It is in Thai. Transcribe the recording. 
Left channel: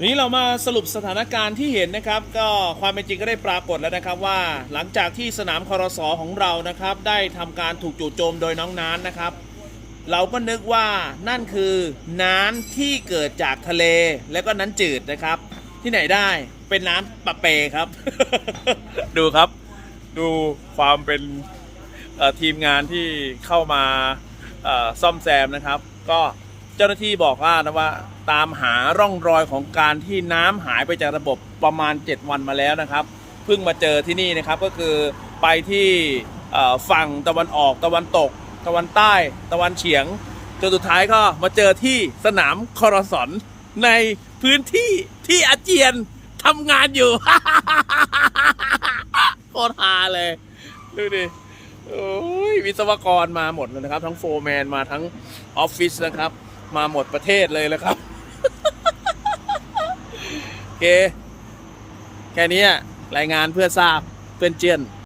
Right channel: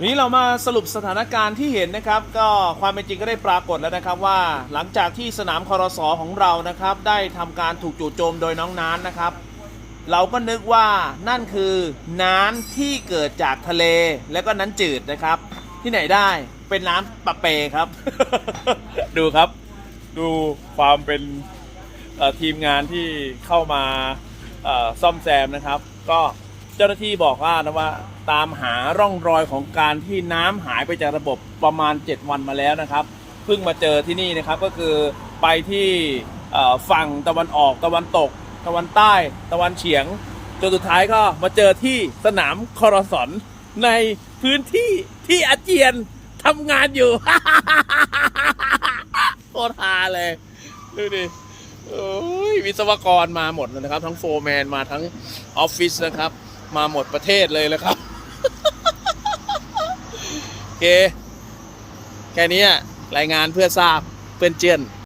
วันนี้เรามาสรุปสถานการณ์ที่เห็นนะครับ ก็ความเป็นจริงก็ได้ปรากฏแล้วนะครับว่า หลังจากที่สนามคอรสอของเรานะครับ ได้ทำการถูกจู่โจมโดยน้องน้ำนะครับ เราก็นึกว่านั่นคือน้ำที่เกิดจากทะเลแล้วก็น้ำจืดนะครับ ที่ไหนได้เป็นน้ำปะเปครับ ดูครับ ดูความเป็นทีมงานที่เข้ามาซ่อมแซมนะครับ ก็ เจ้าหน้าที่บอกว่านะว่าตามหาร่องรอยของการที่น้ำหายไปจากระบบประมาณ 7 วันมาแล้วนะครับ เพิ่งมาเจอที่นี่นะครับก็คือไปที่ฝั่งตะวันออกตะวันตก ตะวันใต้ ตะวันเฉียงจนสุดท้ายก็มาเจอที่สนามคอรสอนในพื้นที่ที่อาเจียนทำงานอยู่โคตรฮาเลย ดูดิวิศวกรมาหมดเลยนะครับ ทั้งโฟร์แมนมาทั้งออฟฟิศนะครับ มาหมดประเทศเลยนะครับโอเค แค่นี้รายงานเพื่อทราบเพื่อนเจียน